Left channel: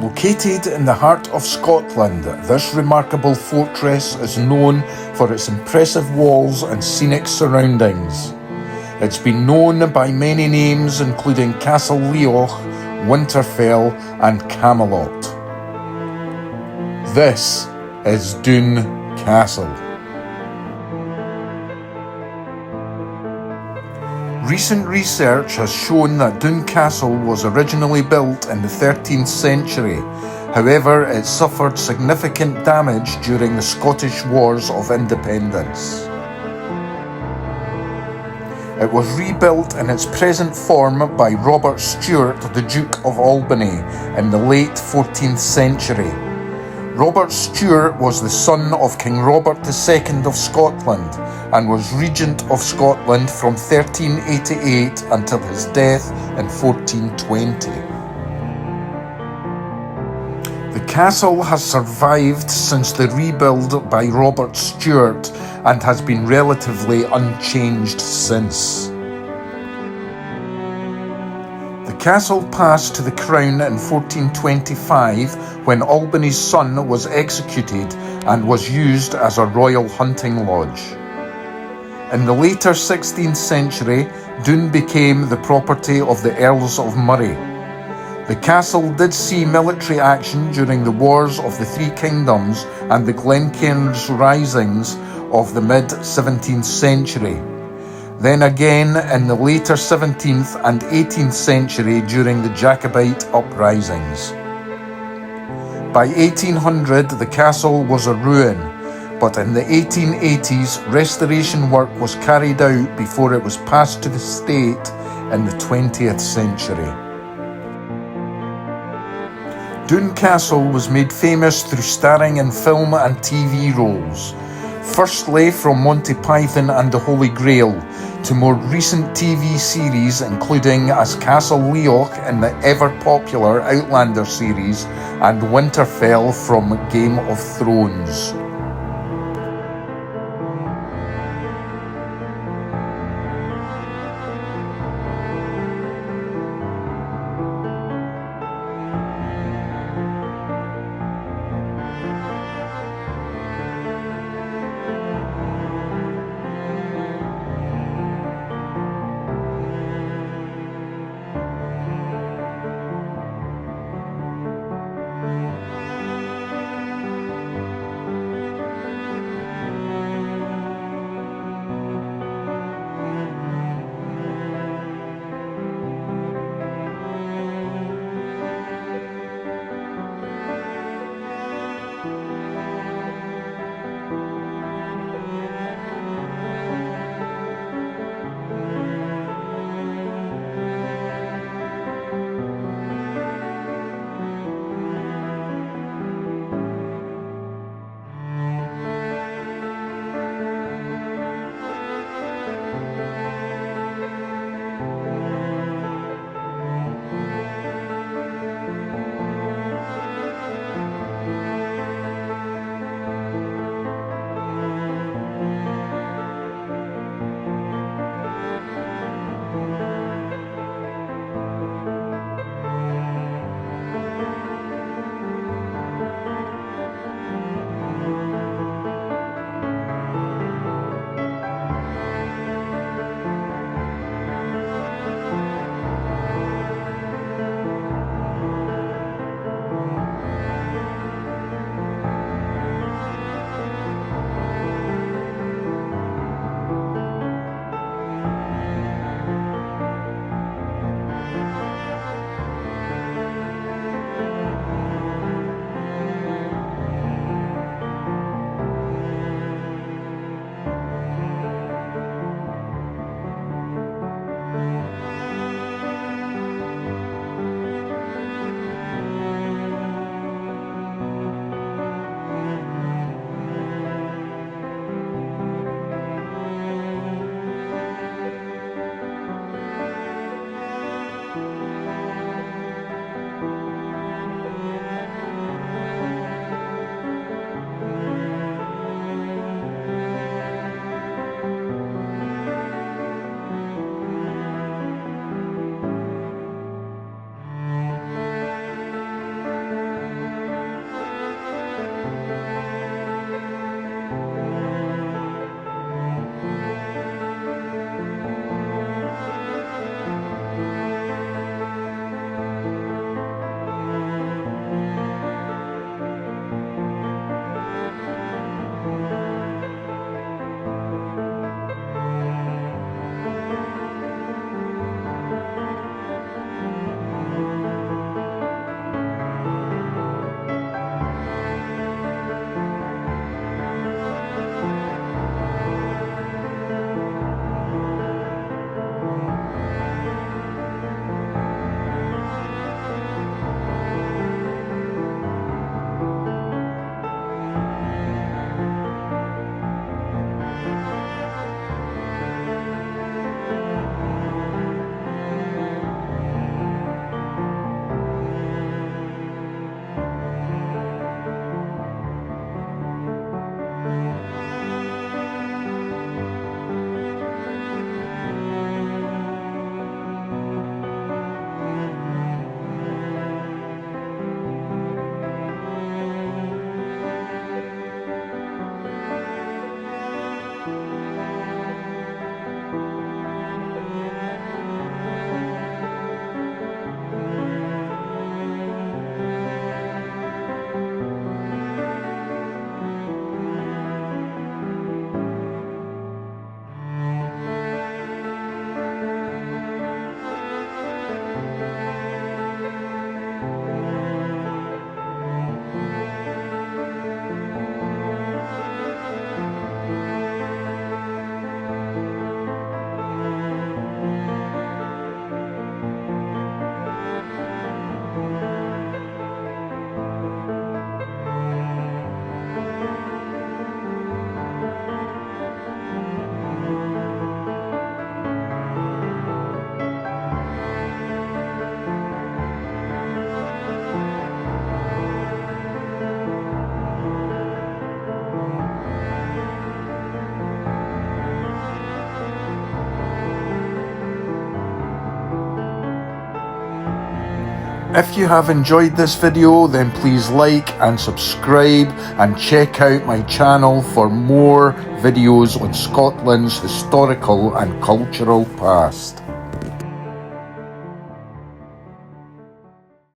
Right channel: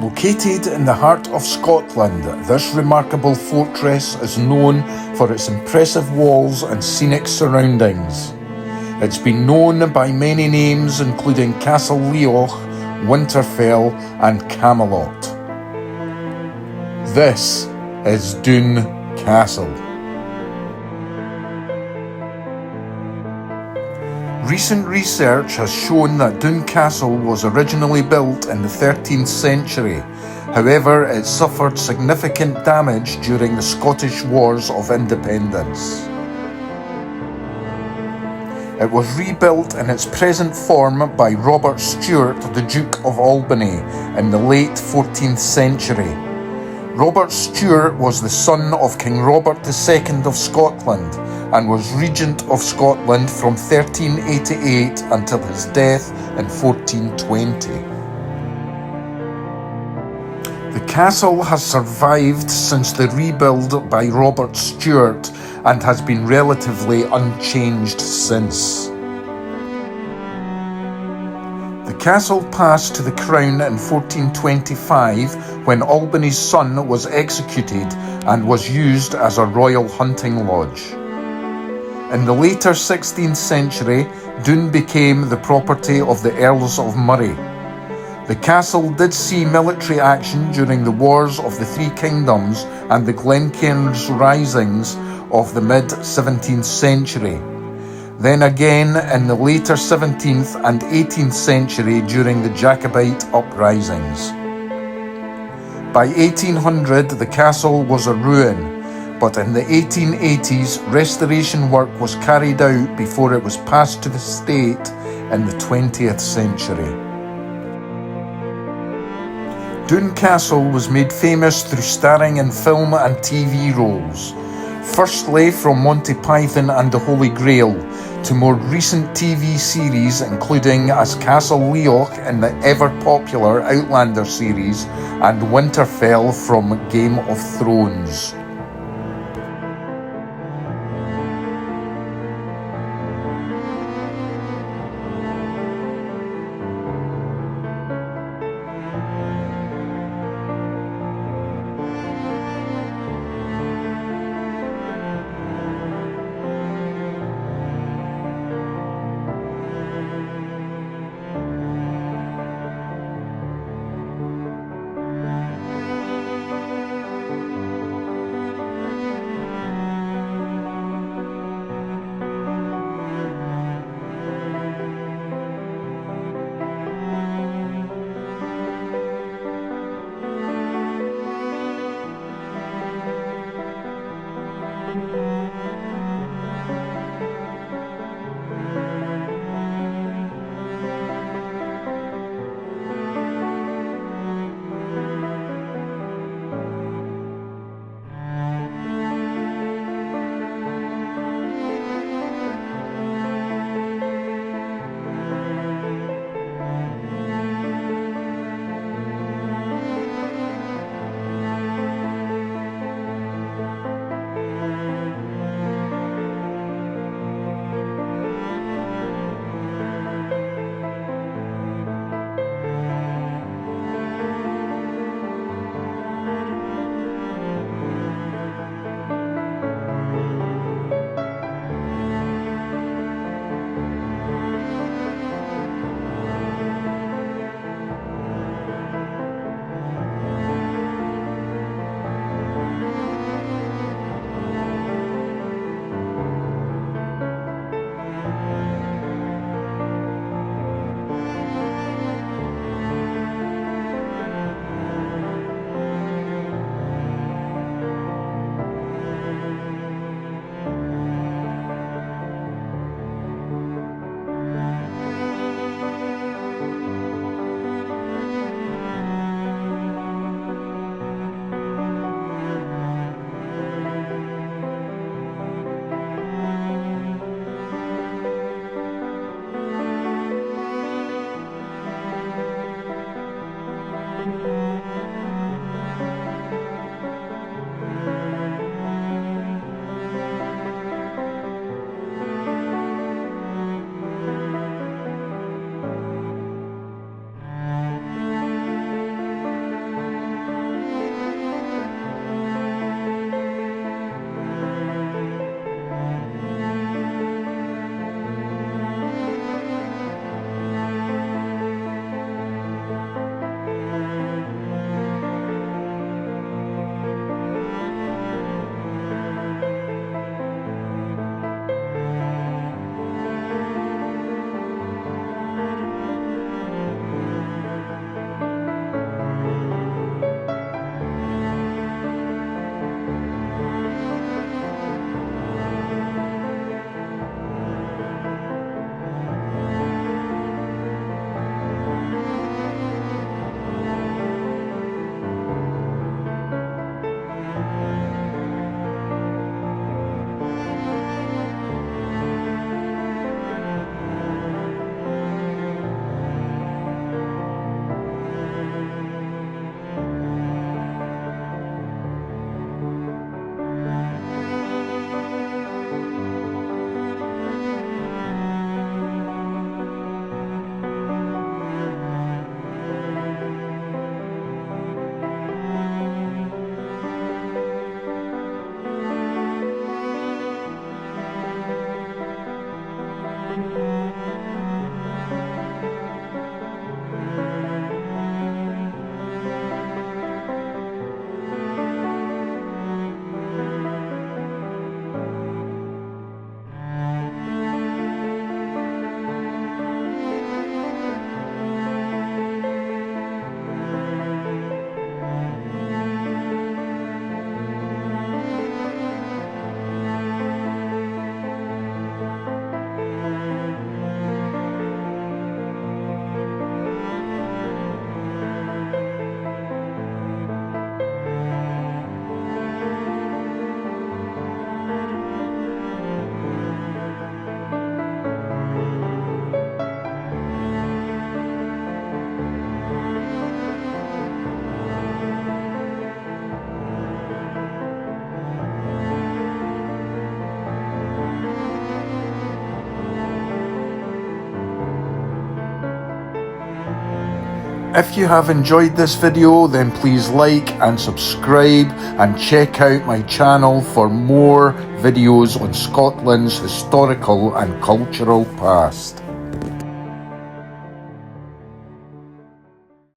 Located in the heart of Scotland, this remarkable fortress is known for its impressive walls and scenic surroundings. It's been known by many names including Castle Leoch, Winterfell and Camelot. This is Doune Castle. Recent research has shown that Doune Castle was originally built in the 13th century. However, it suffered significant damage during the Scottish Wars of Independence. It was rebuilt in its present form by Robert Stewart, the Duke of Albany, in the late 14th century. Robert Stewart was the son of King Robert II of Scotland and was Regent of Scotland from 1388 until his death in 1420. The castle has survived since the rebuild by Robert Stewart and has been relatively unchanged since. The castle passed to the crown in 1425 when Albany's son was executed and was used as a royal hunting lodge. In the later 16th century, Doune became the property of the Earls of Moray. The castle did see military action during the Wars of the Three Kingdoms and the Glencairns Risings of the mid-17th century. Then again in the later 17th and 18th century during the Jacobite uprisings. By 1800, the castle was a ruin, but in the 1880s, restoration work was carried out before it was passed to the state in the 20th century. Doune Castle was made famous through starring in film and TV roles, firstly from Monty Python and the Holy Grail, to more recent TV series including as Castle Leoch in the ever-popular Outlander series and Winterfell from Game of Thrones. If you have enjoyed this video, then please like and subscribe and check out my channel for more videos on Scotland's historical and cultural past.